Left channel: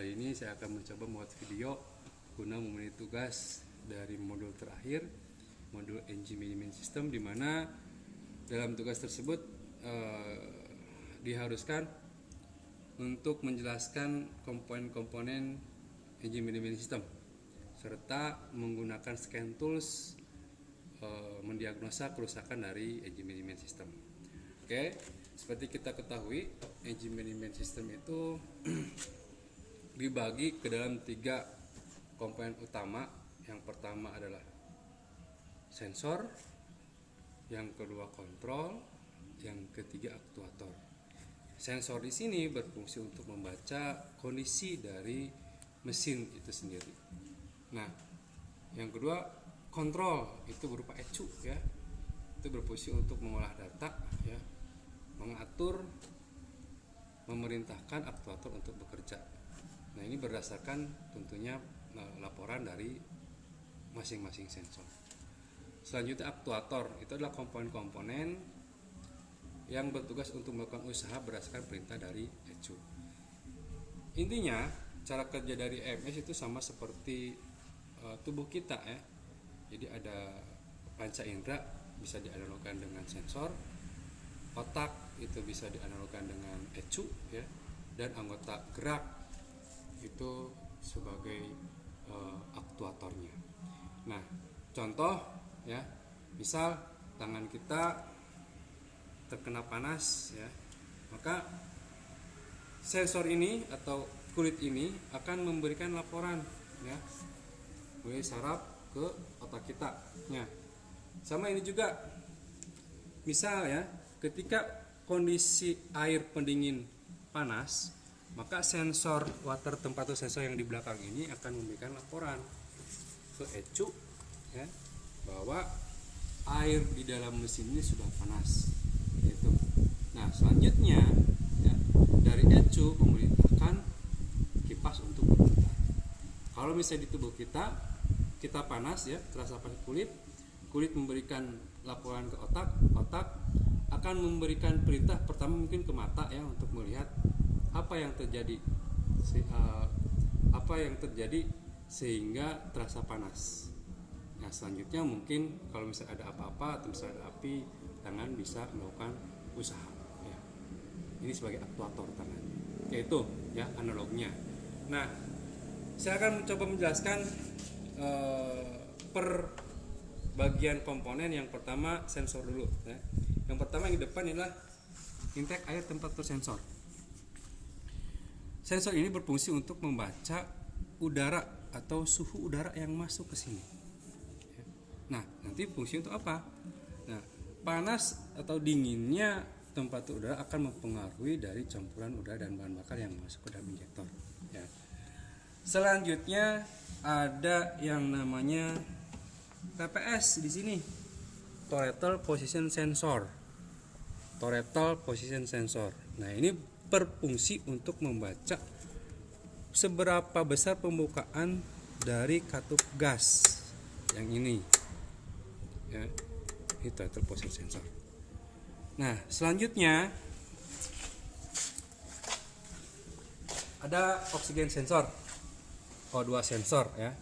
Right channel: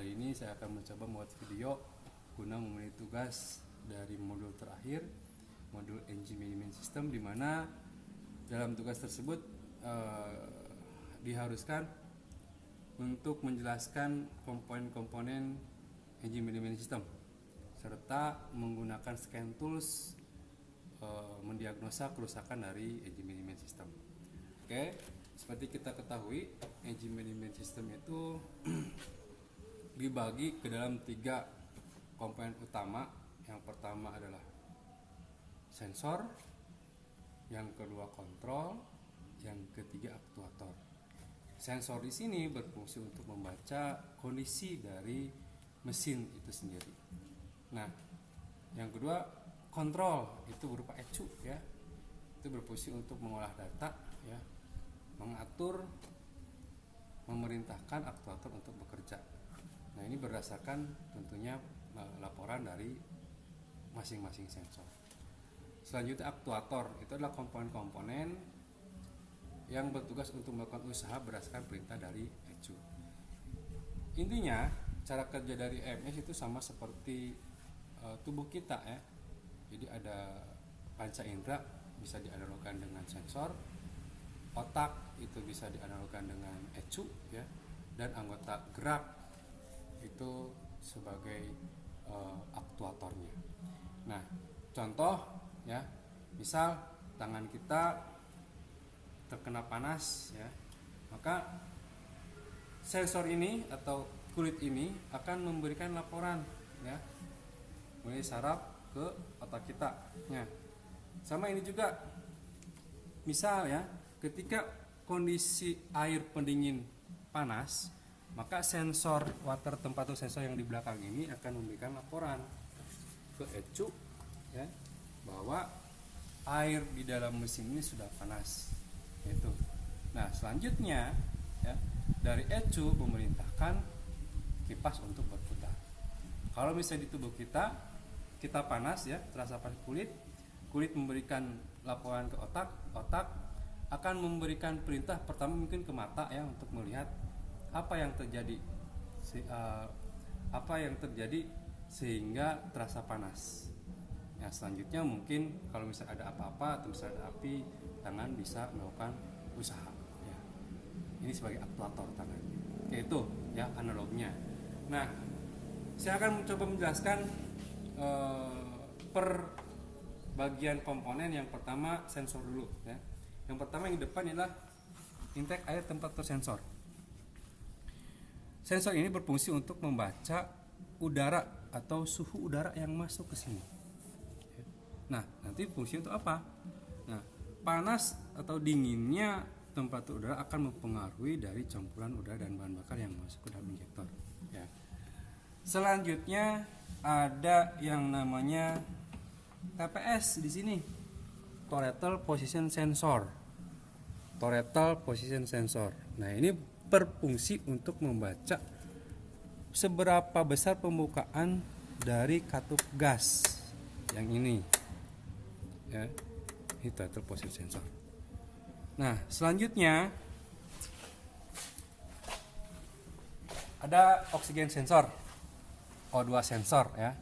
Kali ini saya akan mencoba membuat video guna memenuhi tugas dari modul terakhir, modul Engine Management System, di mana dalam tugas tersebut diharuskan untuk menjelaskan komponen-komponen Engine Management System serta menggunakan scan tools mendiagnosa kerusakan dari Engine Management System. Oke, seperti kita ketahui, Engine Management System itu dibagi ke dalam 3 komponen utama. Yang pertama adalah sensor, yang kedua kontrol, yang ketiga aktuator. Sensor di sini berfungsi untuk membaca kondisi dari mesin itu sendiri. Nah, yang kedua kontrol itu berupa ECU ya. Itu berfungsi untuk mengolah data ya, mengatur, memerintahkan aktuator untuk bekerja. Nah, ini berdasarkan tentunya laporan dari masing-masing sensor. Selanjutnya aktuator itu adalah komponen-komponen yang bertugas untuk melakukan usaha berdasarkan perintah dari ECU. Intinya cara kerja dari EMS itu sama seperti tubuh kita ya. Jadi ada panca indera bisa dianalogkan dengan sensor, otak itu bisa dianalogkan dengan ECU ya, dan anggota gerak itu sebagai aktuatornya. Nah, contoh ya, misal tangan kita terkena panas ya, maka sensor ini atau kulit ini akan memberikan laporan ya melalui saraf ke otak kita. Nah, sama ini juga, misal ya, ketika kondisi air pendingin panas, maka sensor water temperature sensor yang di belakang ini akan memberikan laporan ke ECU ya, bahwa air di dalam mesin ini sudah panas gitu. Nah, selanjutnya ya, dari ECU memerintahkan kipas untuk berputar. Kalau misalnya di tubuh kita panas ya, terasa panas kulit memberikan laporan ke otak akan memberikan perintah pertama mungkin ke mata ya, untuk melihat apa yang terjadi sehingga terasa panas. Nah, selanjutnya mungkin kalau misalnya ada apa-apa atau misalnya ada api, tangan bisa melakukan usaha ya. Ini sebagai aktuator tangan, yaitu ya analognya. Nah, saya akan mencoba menjelaskan per bagian komponen. Yang pertama sensor dulu ya. Yang pertama yang di depan adalah intake air temperature sensor. Sensor ini berfungsi untuk membaca udara atau suhu udara yang masuk ke sini. Nah, nanti fungsi untuk apa? Nah, panas atau dinginnya temperatur udara akan mempengaruhi dari campuran udara dan bahan bakar yang masuk ke dalam injektor. Ya. Selanjutnya ada yang namanya TPS di sini, Total Position Sensor. Total Position Sensor. Nah, ini berfungsi untuk membaca seberapa besar pembukaan dari katup gas yang ini ya, ini total position sensor. Nah, selanjutnya ada oksigen sensor, O2 sensor ya.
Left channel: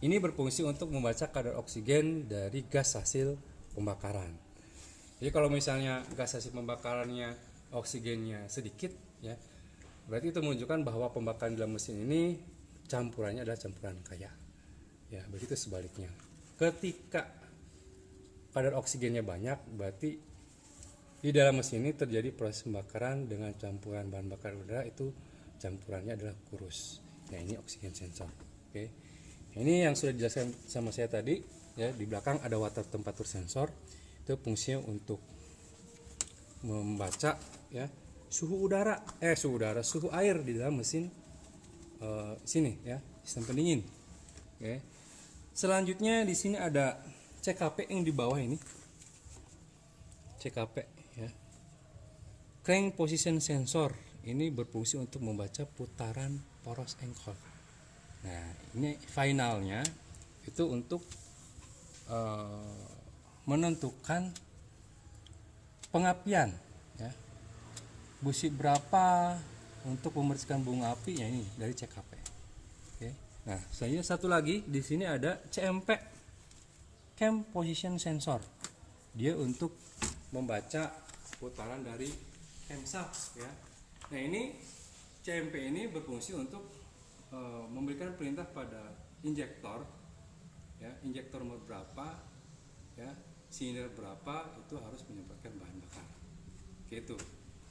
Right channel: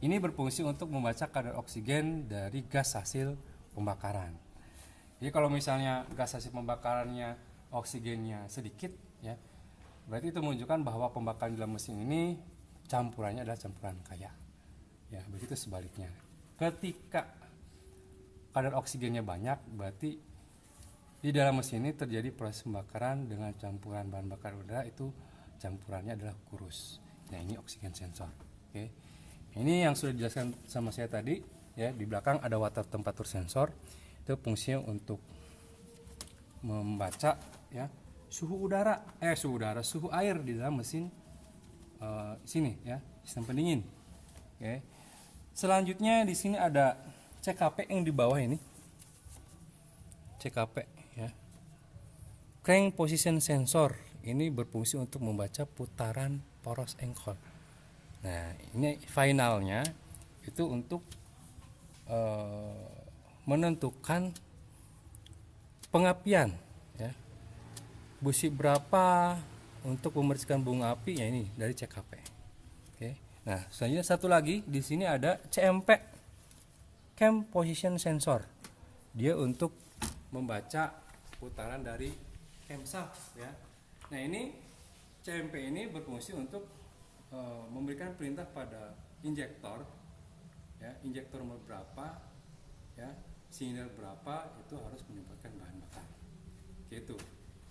Ini berfungsi untuk membaca kadar oksigen dari gas hasil pembakaran. Jadi kalau misalnya gas hasil pembakarannya oksigennya sedikit ya, berarti itu menunjukkan bahwa pembakaran dalam mesin ini campurannya adalah campuran kaya ya. Begitu sebaliknya, ketika kadar oksigennya banyak, berarti di dalam mesin ini terjadi proses pembakaran dengan campuran bahan bakar udara, itu campurannya adalah kurus. Nah, ini oksigen sensor. Oke, ini yang sudah dijelaskan sama saya tadi ya. Di belakang ada water temperature sensor, itu fungsinya untuk membaca ya suhu air di dalam mesin sini ya, sistem pendingin. Oke. Selanjutnya di sini ada CKP yang di bawah ini. CKP ya. Crank Position Sensor ini berfungsi untuk membaca putaran poros engkol. Nah, ini finalnya itu untuk menentukan pengapian ya. Busi berapa untuk membersihkan bunga api ya ini dari CKP. Oke. Nah, selanjutnya satu lagi di sini ada CMP, Cam Position Sensor. Dia untuk membaca putaran dari camshaft ya. Nah, ini CMP ini berfungsi untuk memberikan perintah pada injektor ya, injektor berapa ya, silinder berapa itu harus menyemprotkan bahan bakar. Gitu.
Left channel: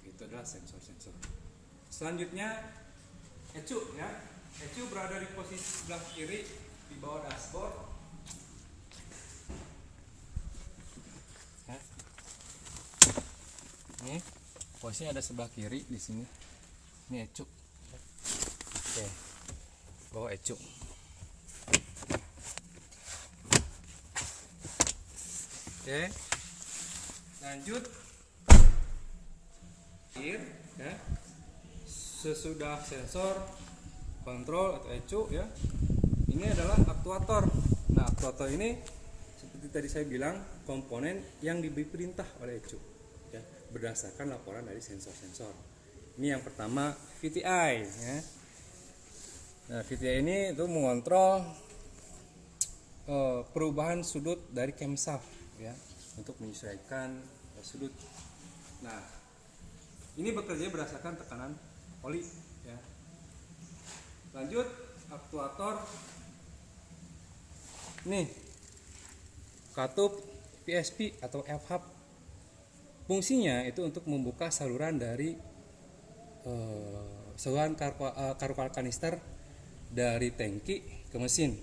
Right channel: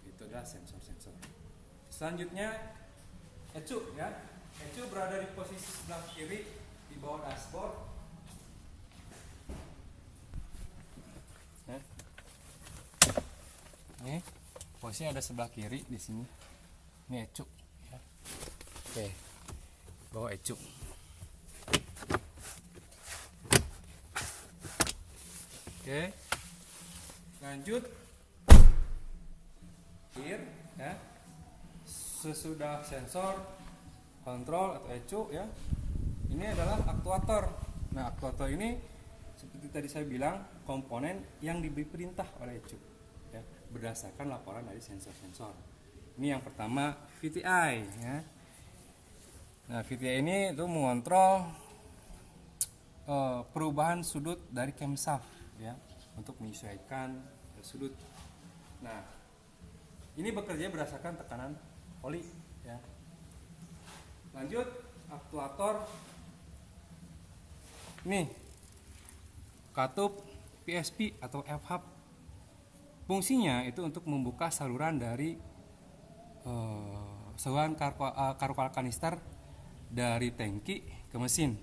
Itu adalah sensor-sensor. Selanjutnya ECU ya. ECU berada di posisi sebelah kiri di bawah dashboard. Ya. Ini posisinya ada sebelah kiri di sini. Ini ECU. Ya. Oke. Bawa ECU. Oke. Lanjut. Ya. Sesudah sensor, kontrol atau ECU ya, ini adalah aktuator. Nah, aktuator ini seperti tadi saya bilang komponen yang diberi perintah oleh ECU ya, berdasarkan laporan dari sensor-sensor. Ini yang pertama VTI ya. Nah, VTI ini itu mengontrol perubahan sudut dari camshaft ya, untuk menyesuaikan sudut. Nah, ini bekerja berdasarkan tekanan oli ya. Lanjut aktuator. Nih, katup PSP atau F-hub. Fungsinya itu untuk membuka saluran dari saluran karukal kanister dari tangki ke mesin.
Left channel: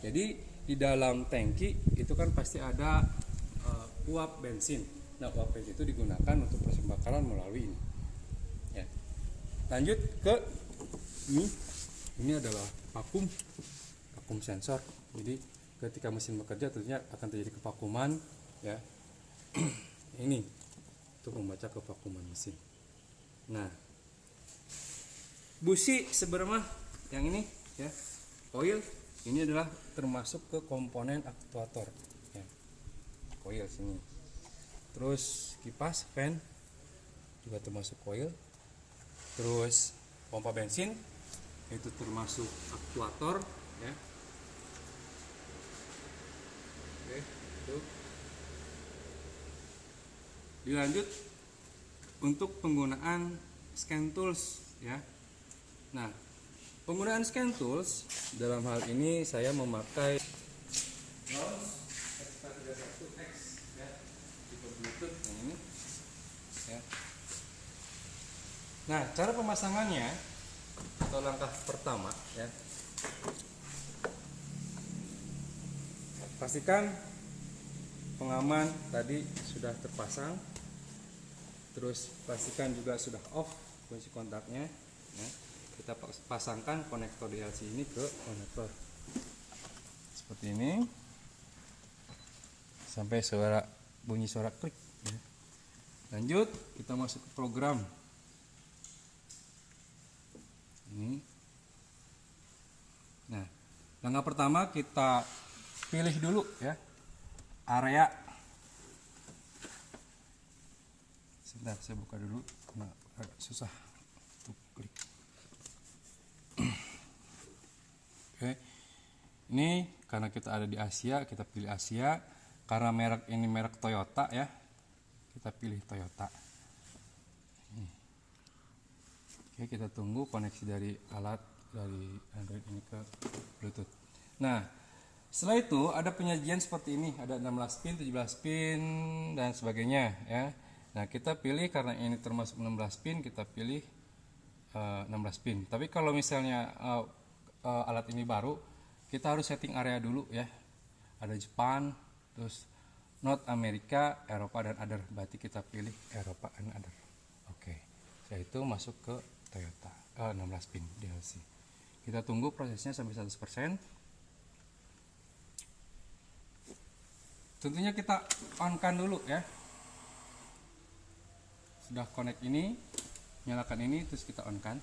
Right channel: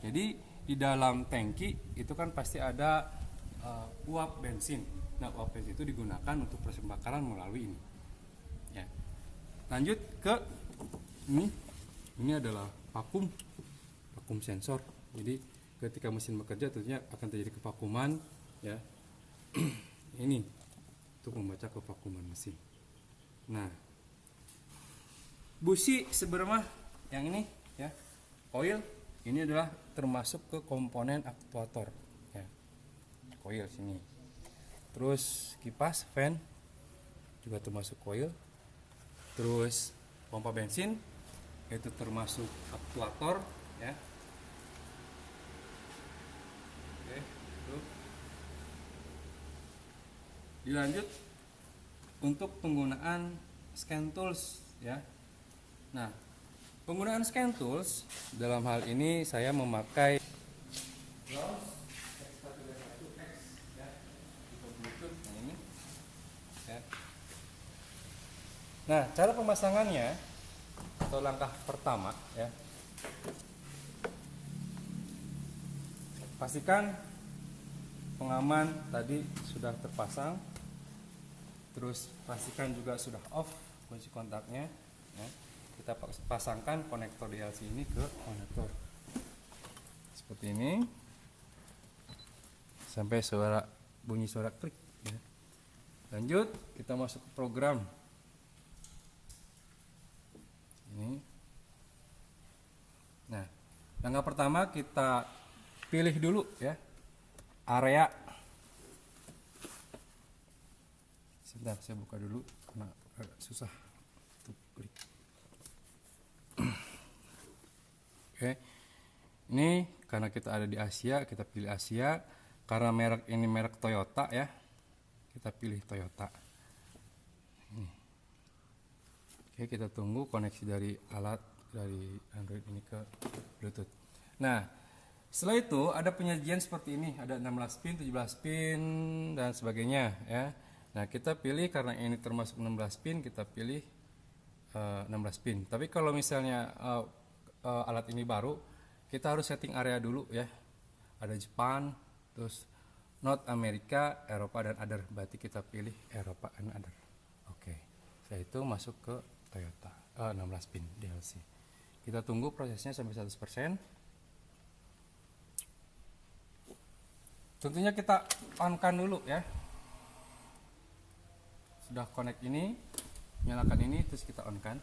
Jadi di dalam tangki itu kan pasti ada uap bensin. Nah, uap bensin itu digunakan untuk proses pembakaran melalui ini. Ya. Lanjut ke ini. Ini adalah vakum sensor. Jadi ketika mesin bekerja tentunya akan terjadi kevakuman ya. Ini untuk membaca kevakuman mesin. Nah, busi sebenarnya yang ini ya, coil ini adalah termasuk ke komponen aktuator ya. Coil sini. Terus kipas fan juga termasuk coil. Terus pompa bensin itu termasuk aktuator ya. Oke, itu. Dilanjut untuk penggunaan scan tools ya. Nah, penggunaan scan tools dalam hal ini saya memakai X31X ya, tipe Bluetooth ini ya. Nah, cara pemasangannya atau langkah pertama ya, pastikan pengaman tadi sudah terpasang, terus pastikan juga sudah off kunci kontaknya ya. Kita pasangkan konektor DLC ini ke konektor seperti ini sampai bunyi suara klik ya. Lanjut kita masuk ke program ini. Nah, langkah pertama kita pilih dulu ya area. Sebentar saya buka dulu karena agak susah untuk klik. Oke, ini karena kita ada di Asia, kita pilih Asia. Karena merek ini merek Toyota ya, kita pilih Toyota. Oke, kita tunggu koneksi dari alat dari Android ini ke Bluetooth. Nah, setelah itu ada penyajian seperti ini, ada 16 pin, 17 pin dan sebagainya ya. Nah, kita pilih karena ini termasuk 16 pin, kita pilih 16 pin. Tapi kalau misalnya alat ini baru, kita harus setting area dulu ya. Ada Jepang, terus North Amerika, Eropa dan other. Berarti kita pilih Eropa and other. Oke. Setelah itu masuk ke Toyota 16 pin DLC. Kita tunggu prosesnya sampai 100%. Tentunya kita on-kan dulu ya. Sudah connect ini, nyalakan ini, terus kita on-kan.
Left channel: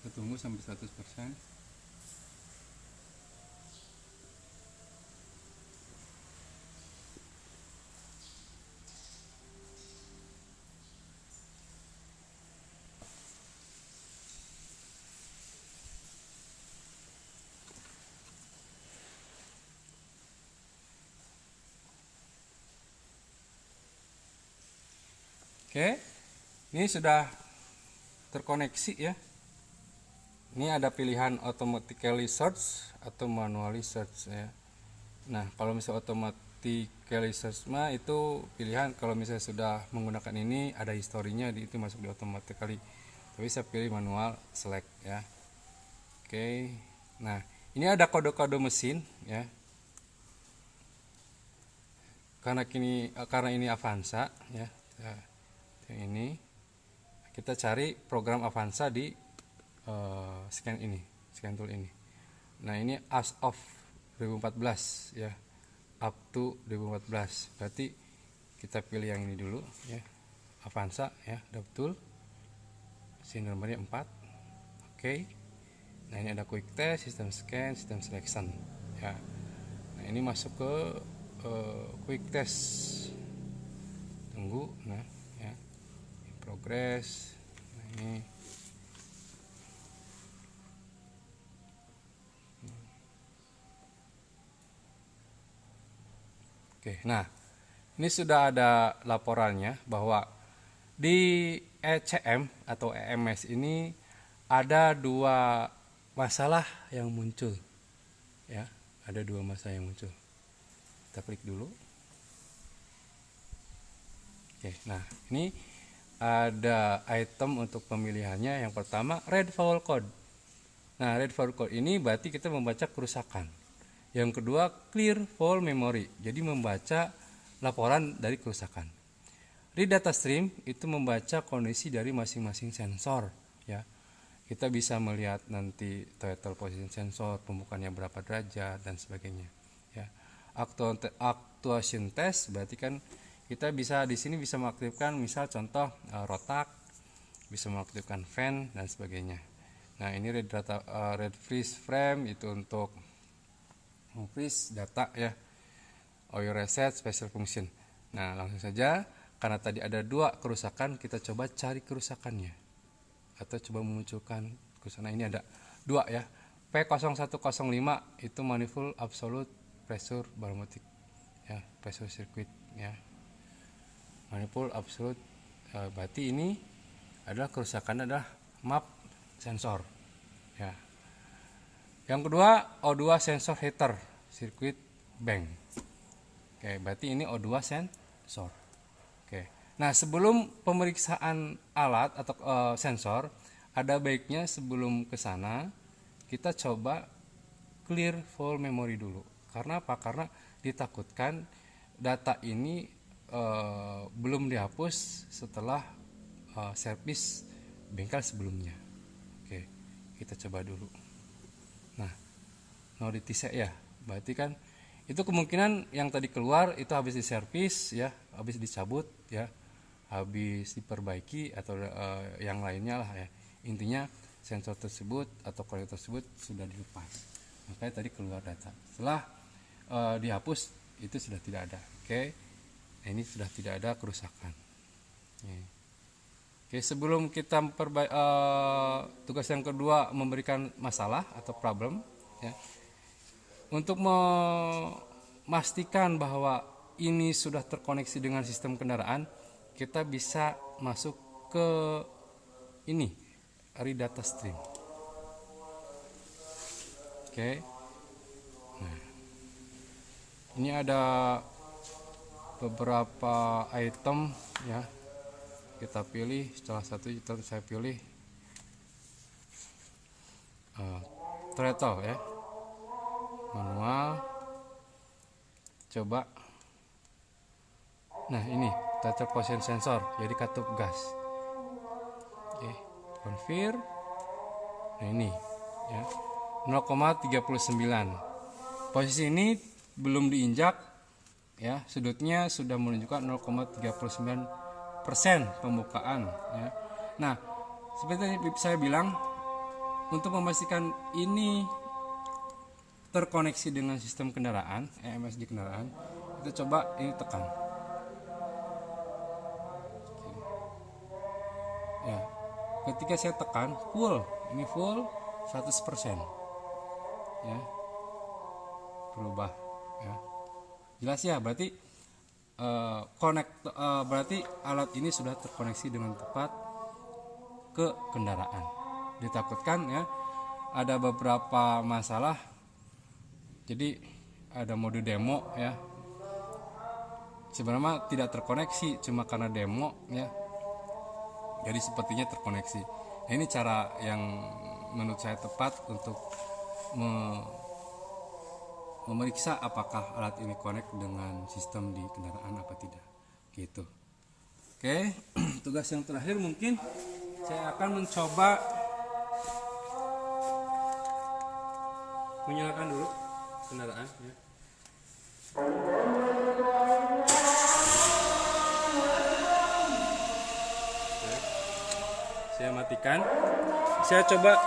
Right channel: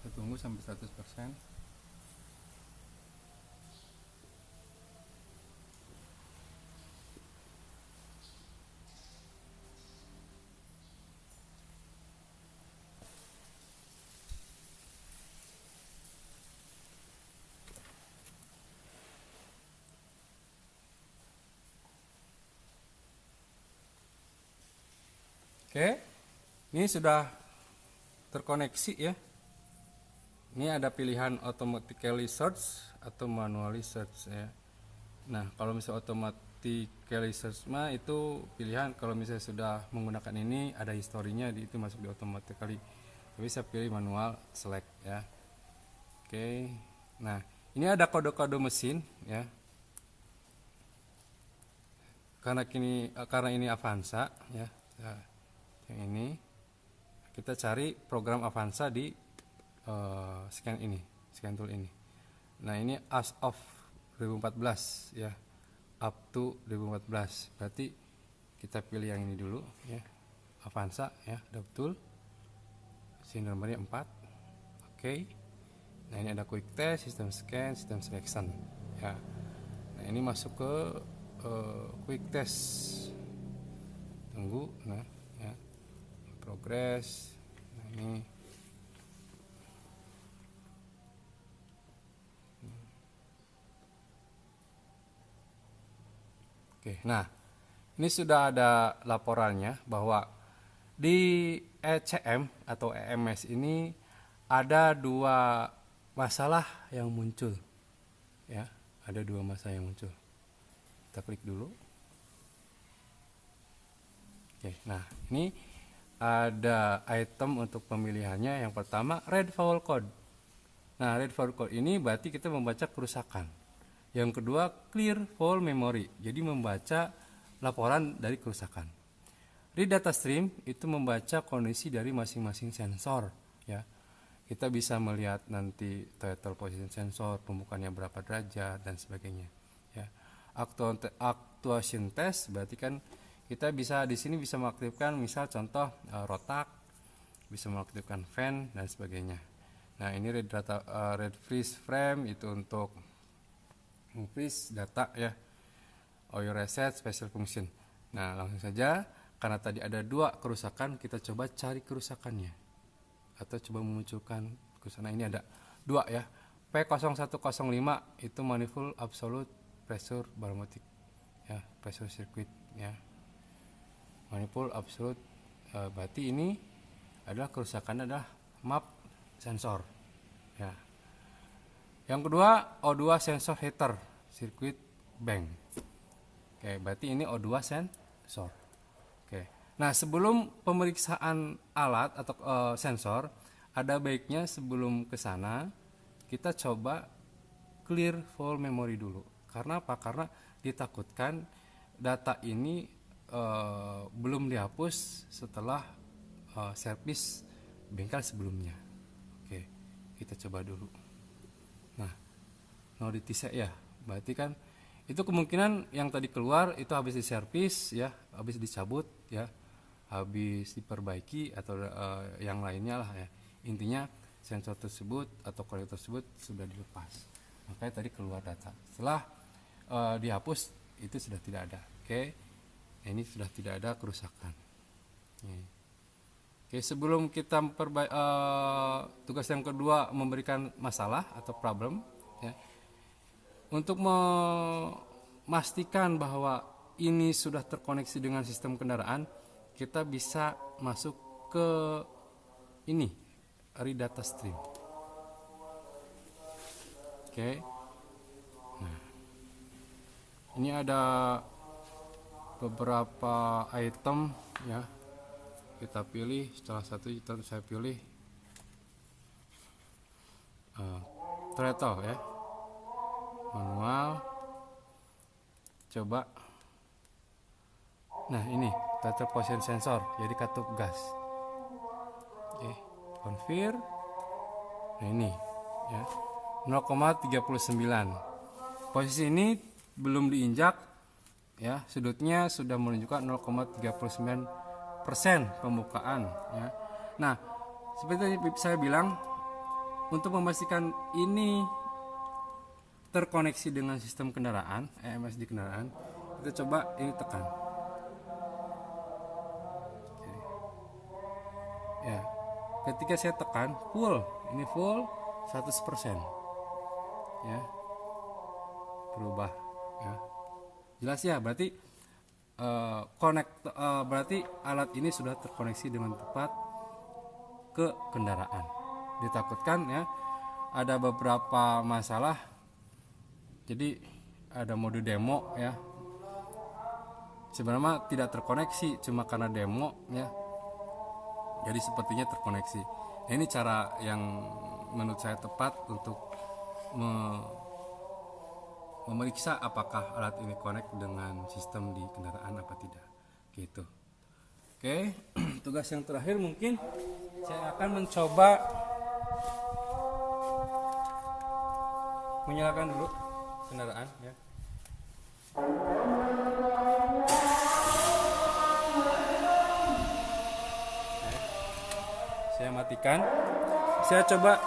Kita tunggu sampai 100%. Oke, ini sudah terkoneksi ya. Ini ada pilihan automatically search atau manually search ya. Nah, kalau misalnya automatically search mah itu pilihan kalau misalnya sudah menggunakan ini ada historinya itu masuk di automatically. Tapi saya pilih manual select ya. Oke. Nah, ini ada kode-kode mesin ya. Karena ini Avanza ya. Yang ini kita cari program Avanza di scan tool ini. Nah, ini as of 2014 ya, up to 2014. Berarti kita pilih yang ini dulu ya, Avanza ya, udah betul. Sini nomornya 4. Oke. Nah, ini ada quick test, system scan, system selection ya. Nah, ini masuk ke quick test. Tunggu, nah ya, progress. Nah, ini oke, nah ini sudah ada laporannya bahwa di ECM atau EMS ini ada 2 masalah yang muncul ya, ada 2 masalah yang muncul. Kita klik dulu. Oke, nah ini ada item untuk pemilihannya. Yang pertama read fault code. Nah, read fault code ini berarti kita membaca kerusakan. Yang kedua clear fault memory, jadi membaca laporan dari kerusakan. Read data stream itu membaca kondisi dari masing-masing sensor ya. Kita bisa melihat nanti total position sensor, pembukaannya berapa derajat dan sebagainya ya. Actuation test berarti kan kita bisa di sini bisa mengaktifkan misal contoh rotak, bisa mengaktifkan fan dan sebagainya. Nah, ini read freeze frame itu untuk freeze data ya. OU reset special function. Nah, langsung saja karena tadi ada 2 kerusakan, kita coba cari kerusakannya atau coba memunculkan kerusakan. Nah, ini ada 2 ya. P0105 itu manifold absolute pressure barometric ya, pressure circuit ya. Manifold absolute berarti ini adalah kerusakan adalah map sensor ya. Yang kedua O2 sensor heater circuit bank. Oke, berarti ini O2 sensor. Oke. Nah, sebelum pemeriksaan alat atau sensor, ada baiknya sebelum ke sana kita coba clear fault memory dulu. Karena apa? Karena ditakutkan data ini belum dihapus setelah servis bengkel sebelumnya. Oke, kita coba dulu. Nah, no ditisek ya, berarti kan itu kemungkinan yang tadi keluar itu habis diservis ya, habis dicabut ya, habis diperbaiki atau yang lainnya lah ya. Intinya sensor tersebut atau konektor tersebut sudah dilepas, makanya tadi keluar data. Setelah dihapus itu sudah tidak ada. Oke, nah, ini sudah tidak ada kerusakan. Oke, sebelum kita tugas yang kedua memberikan masalah atau problem ya. Untuk memastikan bahwa ini sudah terkoneksi dengan sistem kendaraan, kita bisa masuk ke ini, read data stream. Oke. Nah, ini ada beberapa item ya. Kita pilih salah satu, saya pilih throttle ya, manual. Coba. Nah, ini throttle position sensor, jadi katup gas. Oke, confirm. Nah, ini ya 0,39. Posisi ini belum diinjak ya, sudutnya sudah menunjukkan 0,39% pembukaan ya. Nah, seperti saya bilang, untuk memastikan ini terkoneksi dengan sistem kendaraan, EMS di kendaraan, kita coba ini tekan. Oke. Ya, ketika saya tekan full, ini full 100% ya, berubah ya. Jelas ya, berarti berarti alat ini sudah terkoneksi dengan tepat ke kendaraan. Ditakutkan ya ada beberapa masalah, jadi ada mode demo ya, sebenarnya tidak terkoneksi cuma karena demo ya, jadi sepertinya terkoneksi. Nah, ini cara yang menurut saya tepat untuk memeriksa apakah alat ini connect dengan sistem di kendaraan apa tidak gitu. Oke. Tugas yang terakhir mungkin saya akan mencoba menyalakan dulu kendaraan ya. Saya matikan. Saya coba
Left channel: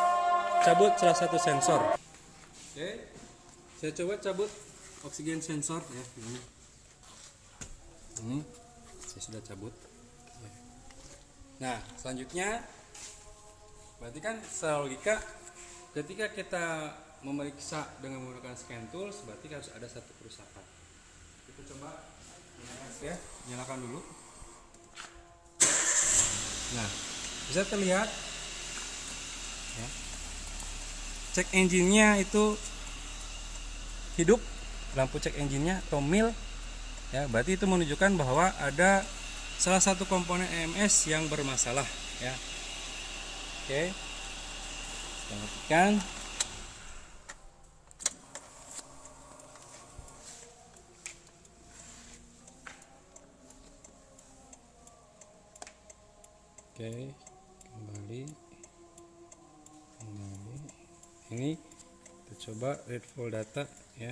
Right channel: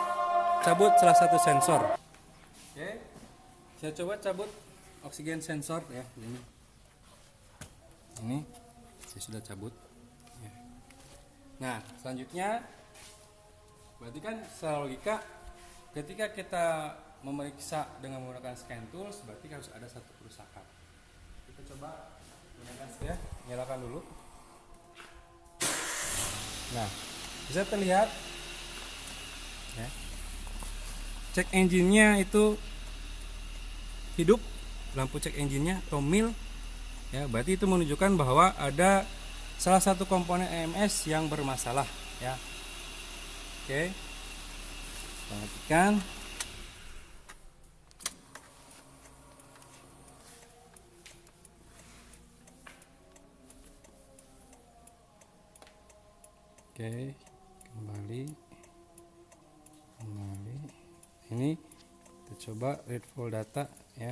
cabut salah satu sensor. Oke. Saya coba cabut oksigen sensor ya, ini saya sudah cabut. Nah, selanjutnya berarti kan secara logika ketika kita memeriksa dengan menggunakan scan tools berarti harus ada satu kerusakan. Kita coba ya, nyalakan dulu. Nah, bisa terlihat ya, cek engine-nya itu hidup, lampu cek engine-nya tomil ya, berarti itu menunjukkan bahwa ada salah satu komponen EMS yang bermasalah ya. Oke, perhatikan. Oke, kembali ini kita coba read full data ya.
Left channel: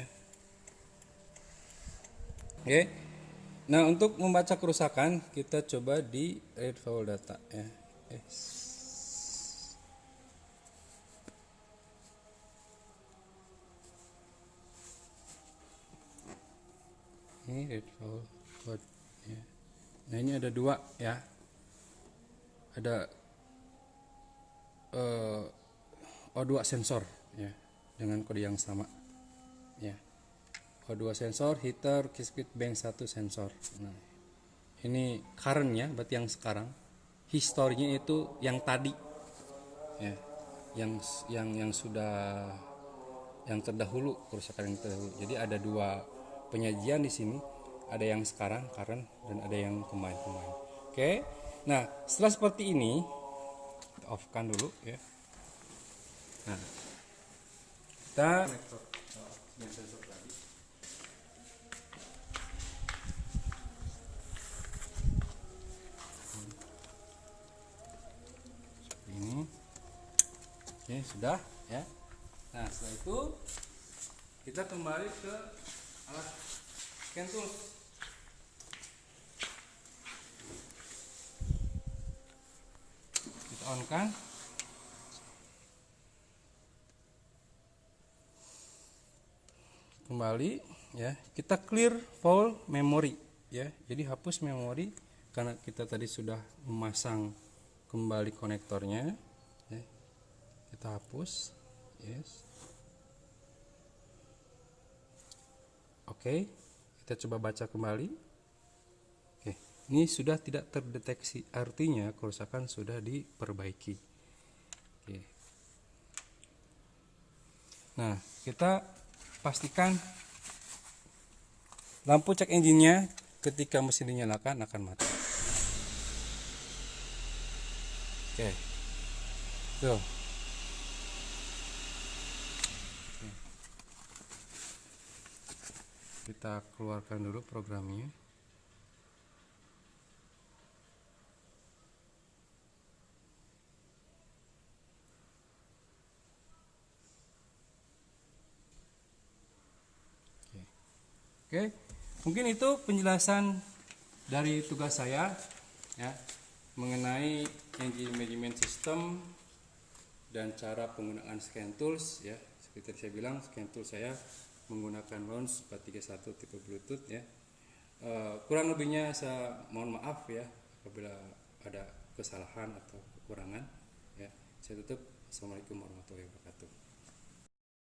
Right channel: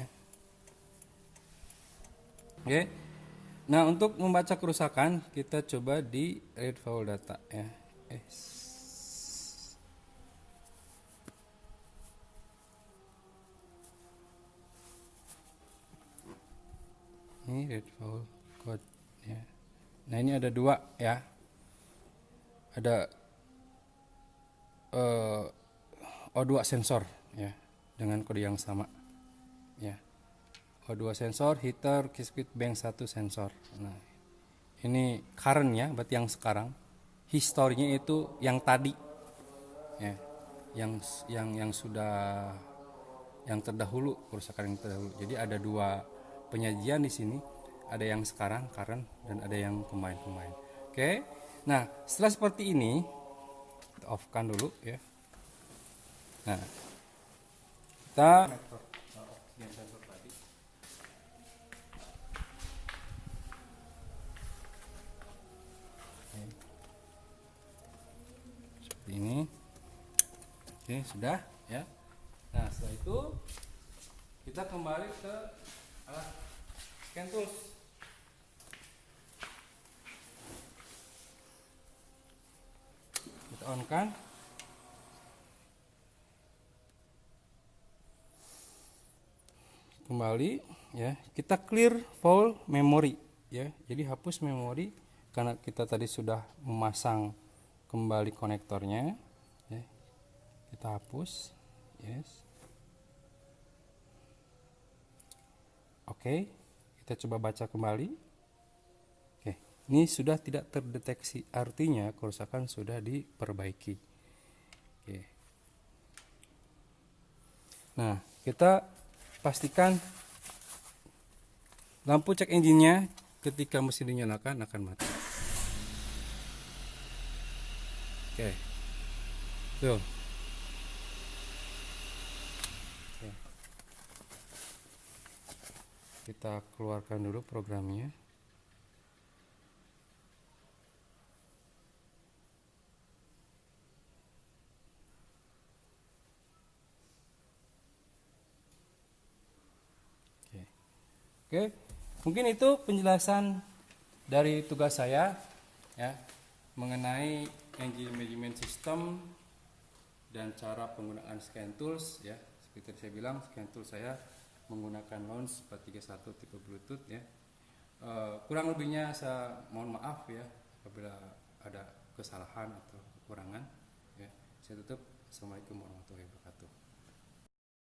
Oke. Nah, untuk membaca kerusakan kita coba di read full data ya. Ini read full code ya. Nah, ini ada dua ya. Ada O2 sensor ya dengan kode yang sama ya. O2 sensor, heater, circuit bank 1 sensor. Nah, ini currentnya berarti yang sekarang, historinya itu yang tadi ya, yang sudah, yang terdahulu, kerusakan yang terdahulu. Jadi ada dua penyajian di sini, ada yang sekarang current dan ada yang kemarin. Oke. Nah, setelah seperti ini kita off-kan dulu ya. Nah, kita ini. Oke, sudah ya. Nah, setelah itu kita kembali ke alat scan tools. Kita on kan. Kembali ya, kita clear full memory ya. Jadi hapus memori karena kita tadi sudah memasang kembali konektornya ya. Kita hapus, yes. Oke, kita coba baca kembali. Oke, ini sudah tidak terdeteksi, artinya kerusakan sudah diperbaiki. Oke. Nah, kita pastikan lampu cek engine-nya ketika mesin dinyalakan akan mati. Oke. Tuh. Oke. Kita keluarkan dulu programnya. Oke, mungkin itu penjelasan dari tugas saya ya mengenai engine management system dan cara penggunaan scan tools ya. Seperti saya bilang, scan tools saya menggunakan launch 431 tipe Bluetooth ya. Kurang lebihnya saya mohon maaf ya apabila ada kesalahan atau kekurangan ya. Saya tutup. Assalamualaikum warahmatullahi wabarakatuh.